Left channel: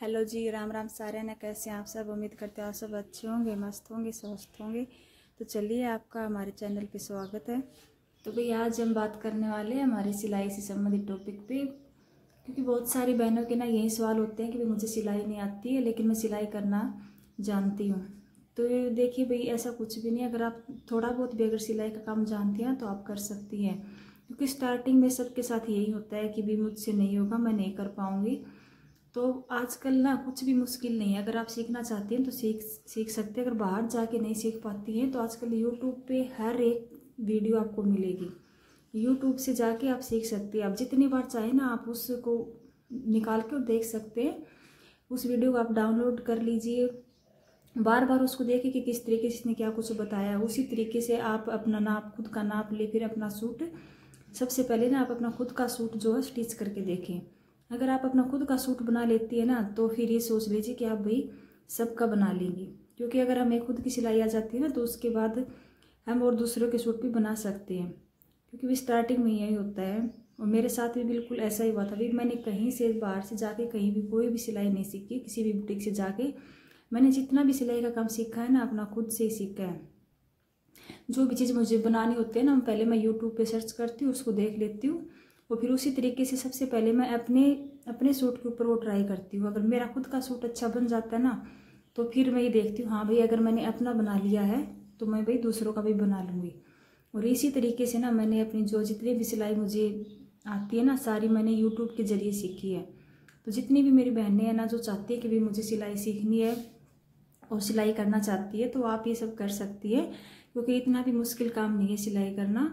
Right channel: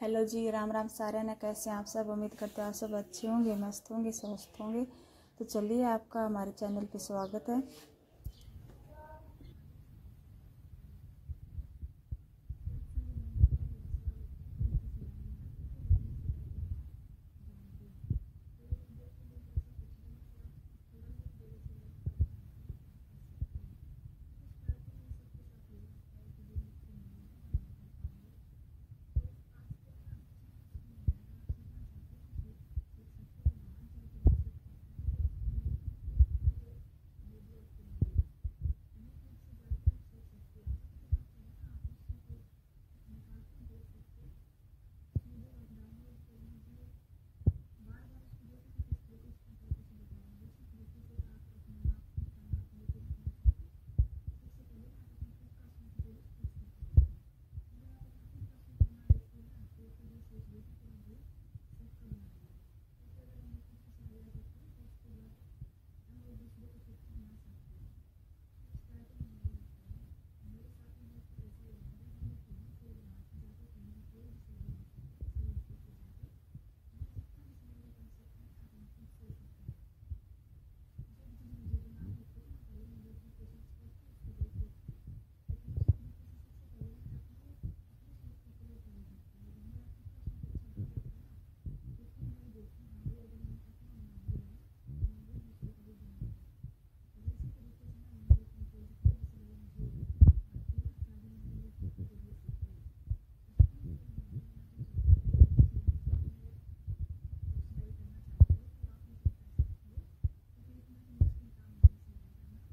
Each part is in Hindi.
हेलो जी, राम राम सारे ने। कैसे हैं आप सब? उम्मीद करते हैं आप सब अच्छे होंगे, मस्त होंगे, स्वस्थ होंगे। तो चलिए, आपका हमारे चैनल पे स्वागत है। तो भाई आज हम बात करने वाले हैं हमारी सिलाई से संबंधित टॉपिक पे, क्योंकि बहुत सारी बहनों के ना यही सवाल होते हैं कि भाई मुझे सिलाई नहीं आती है लेकिन मैं सिलाई करना जानती हूँ। तो देखिए भाई, ऐसा कुछ भी नहीं है। अगर आप थोड़ा बहुत भी अगर सिलाई का काम जानती हैं तो आप कर सकती हैं, क्योंकि स्टार्टिंग में सबके साथ यही होता है कि भाई मुझसे नहीं होगा, मैं नहीं कर पाऊँगी। तो आजकल ना कुछ भी मुश्किल नहीं है। अगर आप सीखना चाहती हैं तो सीख सकते हैं। अगर बाहर जाके नहीं सीख पाती हैं तो आजकल यूट्यूब पे हर एक वीडियो आपको मिलेगी। यूट्यूब से जाके आप सीख सकती हैं। आप जितनी बार चाहे ना आप उसको निकाल के और देख सकते हैं। उस वीडियो को आप डाउनलोड कर लीजिए, बार बार उसको देखिए कि किस तरीके से इसने क्या कुछ बताया है। उसी तरीके से आप अपना नाप, खुद का नाप ले, फिर अपना सूट, सबसे पहले ना आप अपना खुद का सूट जो है स्टिच करके देखें। अगर आप अपना खुद का सूट बना लेती है ना तो फिर ये सोच लीजिए कि आप भाई सबका बना लेंगी। क्योंकि अगर हमें खुद की सिलाई आ जाती है ना तो उसके बाद हम और दूसरों के सूट भी बना सकते हैं। क्योंकि भी स्टार्टिंग में यही होता है, और मेरे साथ भी बिल्कुल ऐसा ही हुआ था। भाई मैंने कहीं से बाहर से जाके कहीं भी कोई भी सिलाई नहीं सीखी, किसी भी बुटीक से जाके मैंने जितना भी सिलाई का काम सीखा है ना अपना खुद से ही सीखा है। जो भी चीज़ मुझे बनानी होती है ना, पहले मैं यूट्यूब पे सर्च करती हूँ, उसको देख लेती हूँ, और फिर उसी तरीके से सबसे पहले मैं अपने सूट के ऊपर वो ट्राई करती हूँ। अगर मेरा खुद का सूट अच्छा बन जाता है ना तो फिर मैं ये देखती हूँ, हाँ भाई अगर मैंने अपना बना लिया है तो मैं भाई दूसरों का भी बना लूँगी। और इसी तरीके से ना मैंने अपनी जो जितनी भी सिलाई मुझे आती है ना सारी मैंने यूट्यूब के ज़रिए सीखी है। तो जितनी भी मेरी बहनें हैं ना जो चाहती है कि भाई मुझे सिलाई सीखनी है और सिलाई करना चाहती है, तो आप ये सब कर सकती है, क्योंकि इतना भी मुश्किल काम नहीं है सिलाई करना।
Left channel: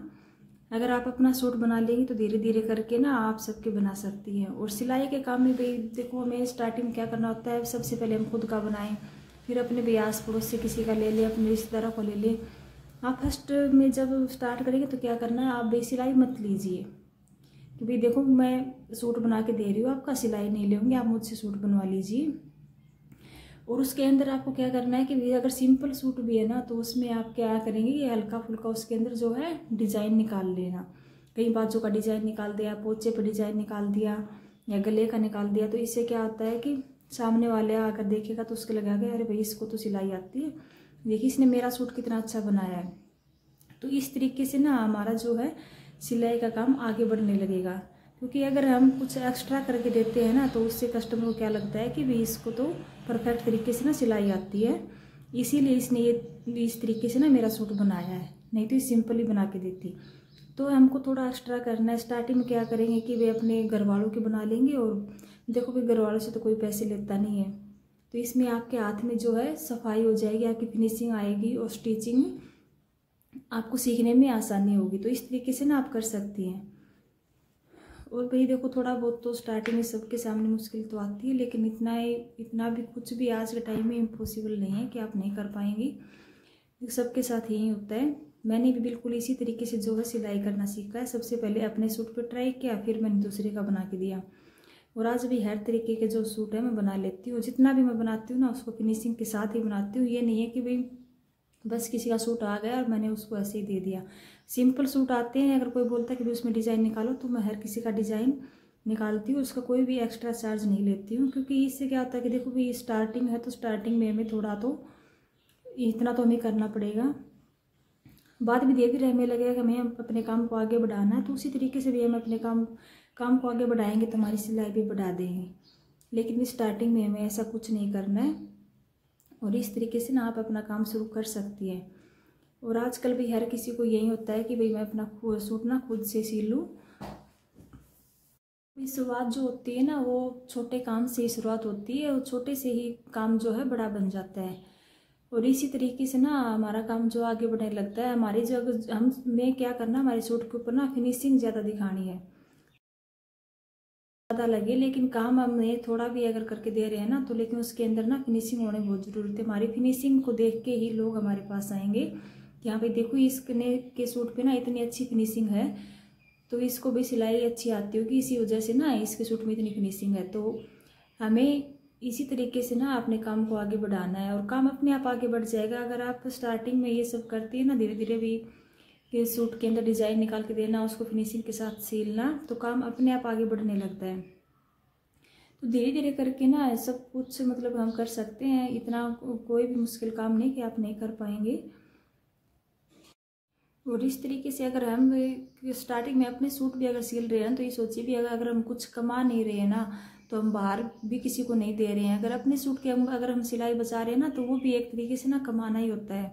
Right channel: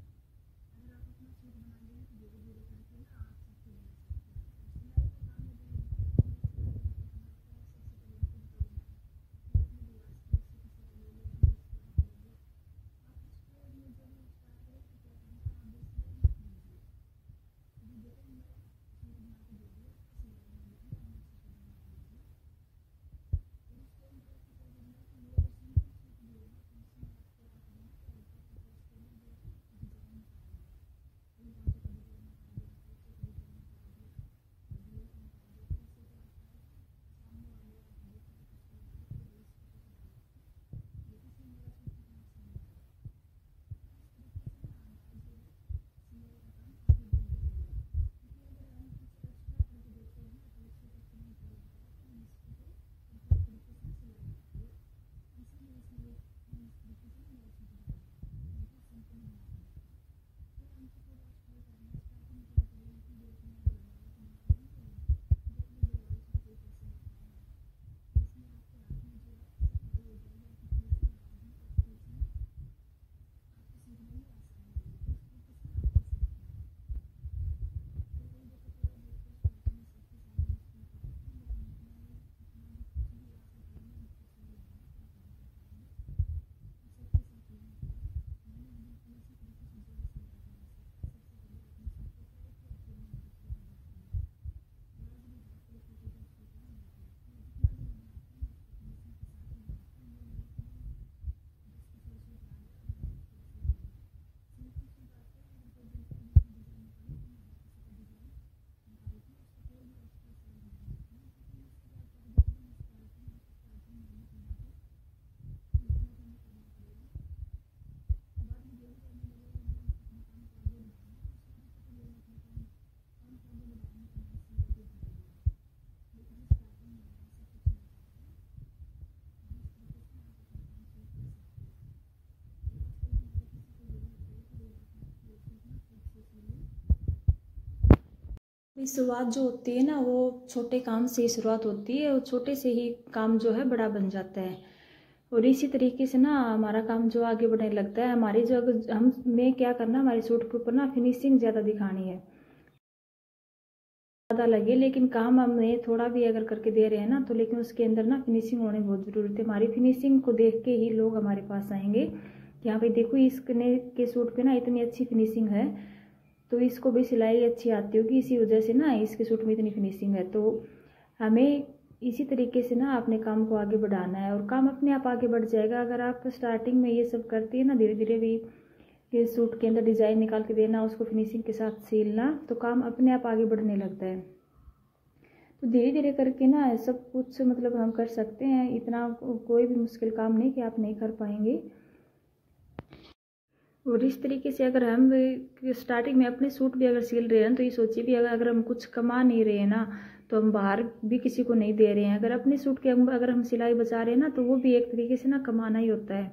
अगर आप अपना सूट बना लेंगी तो धीरे धीरे करके ना आप सबके बना सकती हैं। और सिलाई के काम में भाई देखो, हमें स्टार्टिंग क्या करना होता है, सबसे पहले हम खुद का बनाएं, फिर अपने भी आस पड़ोस से किसी का ले लें, अपने रिश्तेदारों को ले लें। आप फर्स्ट में जब स्टार्ट करेंगे तो क्या करना है, आप भाई सिलाई मत लीजिए कि भाई देखो मैं सूट बना के दे रही हूँ, आपका सिलाई नहीं लेंगे, आप मुझसे सूट बनवा लीजिए। और उसके अंदर आपको क्या करना है कि अगर सिंपल सूट भी है ना तो उसमें आप क्या करेंगे, ये हल्का फुल्का उसके अंदर जो है डिज़ाइन निकाल लेना। कहीं बाजू का डिज़ाइन निकाल दिया, पोचे पर डिज़ाइन निकाल दिया, या गले का निकाल दिया। तो इससे क्या होता है कि सामने वाले आकर देखेगा तो उसके लगेगा अरे भाई इसको तो सिलाई आती है, देखिए इसने मेरा सूट कितना अच्छा बनाया है। तो इस तरीके से ना हमारा जो है सिलाई का काम आगे बढ़ने लगेगा। क्योंकि अगर हम कुछ एक्स्ट्रा करके देते हैं ना तो उससे कस्टमर को क्या लगता है कि भाई इसको तो परफेक्ट तरीके से ना सिलाई आती है, इसीलिए इसने ये इस तरीके से ना मेरा सूट बनाया है, नहीं तो ये सिंपल ही बना के देती। तो हमको थोड़ा एक्स्ट्रा करना है। स्टार्टिंग में क्या करेंगे कि वे अपने घर वालों के बना लेंगे, और देखो भाई घर वालों से तो कोई पैसे लेता नहीं है। तो इसमें आपके हाथ में जो है सफाई हो जाएगी, आपकी फिनिशिंग आएगी और स्टिचिंग आपको सीखने में आसानी होगी। तो इस तरीके से ना आप कर सकती हैं। और भाई देखो, थोड़ा बहुत तो स्टार्टिंग में सबके सामने मुश्किल तो आती है, लेकिन इतना भी कुछ भी आज के टाइम में इम्पॉसिबल नहीं है कि आप नहीं कर पाएंगी। सबके साथ यही होता है। मैंने भी बिल्कुल इसी तरीके से जो है सिलाई करना सीखा है। सबसे पहले अपने सूट पे ट्राई किया, फिर मैंने दूसरे का बना के दिया। और आज भी हर तरीके के जो सूट है मैं बना लेती हूँ। जितना भी मैं बनाती हूँ ना उसको फिनिशिंग के साथ ही बनाती हूँ। ये नहीं है कि भाई बस किसी का सूट आ गया और मैंने उसको ऐसे ही दे दिया। सिंपल सूट आते हैं, अगर कोई बोलता है कि भी उसमें डिज़ाइन निकालो तो मैं हर किसी का डिज़ाइन निकालती हूँ, उसका कोई भी एक्स्ट्रा चार्ज नहीं लेती हूँ। क्योंकि इससे क्या होता है कि देखो भाई स्टार्टिंग है तो स्टार्टिंग में हमें थोड़ा तो इतना तो हमें करना पड़ेगा। बाद में धीरे धीरे हमें लगेगा कि हमें अपने काम को आगे बढ़ाना है, तो उसी तरीके से भी हम अपने काम को आगे बढ़ाएंगे तो हमारी सिलाई भी बढ़ा देंगे। लेकिन स्टार्टिंग में हमें ऐसा कुछ नहीं करना है। और इस तरीके से ना आप अपना काम शुरू कर सकती हैं। और आजकल भी हर किसी को यही होता है कि भाई मैं अपना सूट ना खुद से सी लूँ। शुरुआत जो होती है ना वो छोटे काम से ही शुरुआत होती है, और छोटे से ही काम जो है बड़ा बन जाता है। और इसी तरीके से ना हमारा काम जो आगे बढ़ने लगता है। हमारी जो हमें क्या करना, हमारे सूट के ऊपर ना फिनिशिंग ज़्यादा दिखानी है, ज़्यादा लगे, लेकिन काम हमें थोड़ा भी अगर करके दे रहे हैं ना तो लेकिन उसके अंदर ना फिनिशिंग होने बहुत ज़रूरत है। हमारी फिनिशिंग को देख के ही लोग हमारे पास आएंगे कि हाँ भाई देखो इसने के सूट पे ना इतनी अच्छी फिनिशिंग है, तो इसको भी सिलाई अच्छी आती होगी, इसी वजह से ना इसके सूट में इतनी फिनिशिंग है। तो हमें इसी तरीके से ना अपने काम को आगे बढ़ाना है, और काम अपने आप आगे बढ़ जाएगा। अगर आप स्टार्टिंग में ये सब करती है ना, धीरे धीरे भी कि सूट के अंदर डिज़ाइन निकाल के देना, उसको फिनिशिंग के साथ सिलना, तो काम अपने आप आगे बढ़ने लगता है। तो धीरे धीरे करके ना सब कुछ मतलब हम कर सकते हैं। इतना कोई भी मुश्किल काम नहीं कि आप नहीं कर पाएंगे। और इस तरीके से अगर हम स्टार्टिंग में अपने सूट भी अगर सिल रहे हैं तो ये सोचिए भी अगर हम कुछ कमा नहीं रहे हैं ना, तो हम बाहर भी किसी को नहीं दे रहे हैं। अगर अपने सूट के अगर हम सिलाई बचा रहे हैं ना, तो वो भी एक तरीके से ना कमाना ही होता है।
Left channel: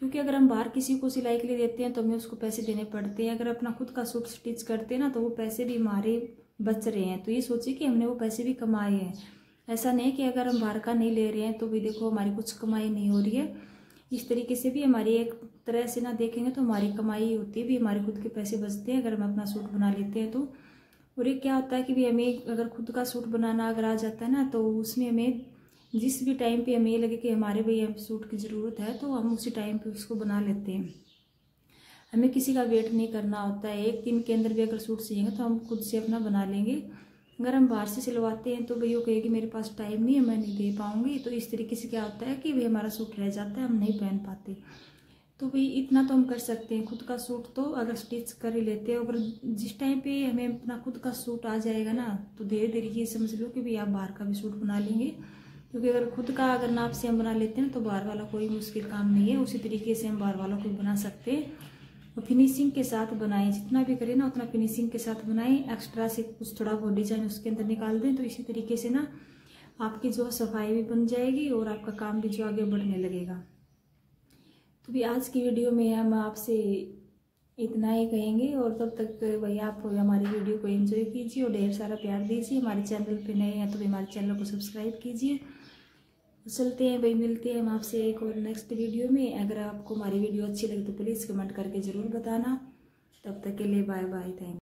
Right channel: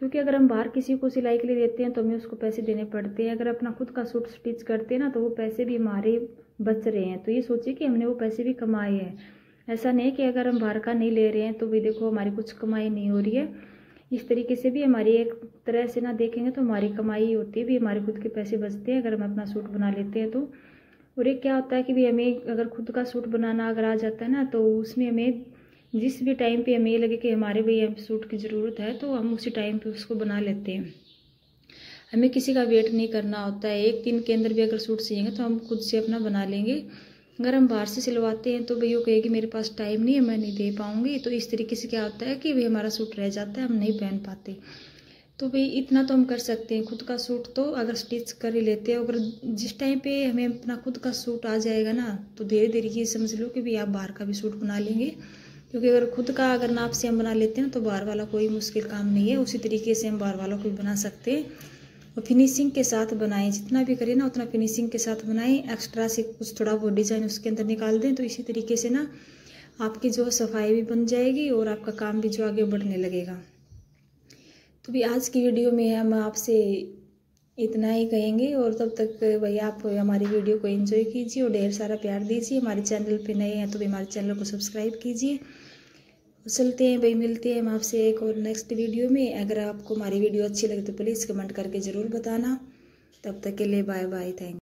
क्योंकि अगर हम बाहर किसी को सिलाई के लिए देते हैं तो हमें उसको पैसे देने पड़ते हैं। अगर अपना खुद का सूट स्टिच करते हैं ना, तो वो पैसे भी हमारे बच रहे हैं। तो ये सोचिए कि हमने वो पैसे भी कमाए हैं। ऐसा नहीं कि अगर हम बाहर का नहीं ले रहे हैं तो भी देखो हमारी कुछ कमाई नहीं हो रही है। इस तरीके से भी हमारी एक तरह से ना देखेंगे तो हमारी कमाई होती है, भी हमारे खुद के पैसे बचते हैं अगर हम अपना सूट बना लेते हैं तो। और एक क्या होता है कि भी हमें अगर खुद का सूट बनाना अगर आ जाता है ना, तो उसमें हमें जिस भी टाइम पे हमें ये लगे कि हमारे भाई सूट की ज़रूरत है तो हम उसी टाइम पे उसको बना लेते हैं। हमें किसी का वेट नहीं करना होता है। एक दिन के अंदर भी अगर सूट सिएंगे तो हम खुद से अपना बना लेंगे। अगर हम बाहर से सिलवाते हैं तो भाई वो कहेगी मेरे पास टाइम नहीं है, मैं नहीं दे पाऊँगी। तो इस तरीके से क्या होता है कि भाई हमारा सूट रह जाता है, हम नहीं पहन पाते। तो भाई इतना तो हम कर सकते हैं। खुद का सूट तो अगर स्टिच कर ही लेते हैं, अगर जिस टाइम पे हमें अपना खुद का सूट आ जाएगा ना, तो धीरे धीरे ये समझ लो कि भाई आप बाहर का भी सूट बना लेंगे। क्योंकि अगर खुद का अगर नाप से हम बना लेते हैं तो बाहर वाला कोई मुश्किल काम नहीं है। उसी तरीके से हम बाहर वालों को भी बना सकते हैं। और फिनिशिंग के साथ बनाएं, जितना भी करें ना उतना फिनिशिंग के साथ बनाएं। एक्स्ट्रा से कुछ थोड़ा बहुत डिज़ाइन उसके अंदर निकाल दें, तो इसी तरीके से ना आपकी जो सफाई भी बन जाएगी और आपका काम भी जो आगे बढ़ने लगेगा। तो भी आज की वीडियो में हम आपसे इतना ही कहेंगे। और तब तक भाई आप हमारी वीडियो को एंजॉय कीजिए और ढेर सारा प्यार दीजिए। हमारे चैनल पे नए हैं तो भी हमारे चैनल को सब्सक्राइब कीजिए। चलते हैं भाई, मिलते हैं हम आपसे एक और नेक्स्ट वीडियो में। अगर आपको हमारी वीडियो अच्छी लगे तो प्लीज़ कमेंट करके ज़रूर बताना। तब तक के लिए बाय बाय, थैंक यू।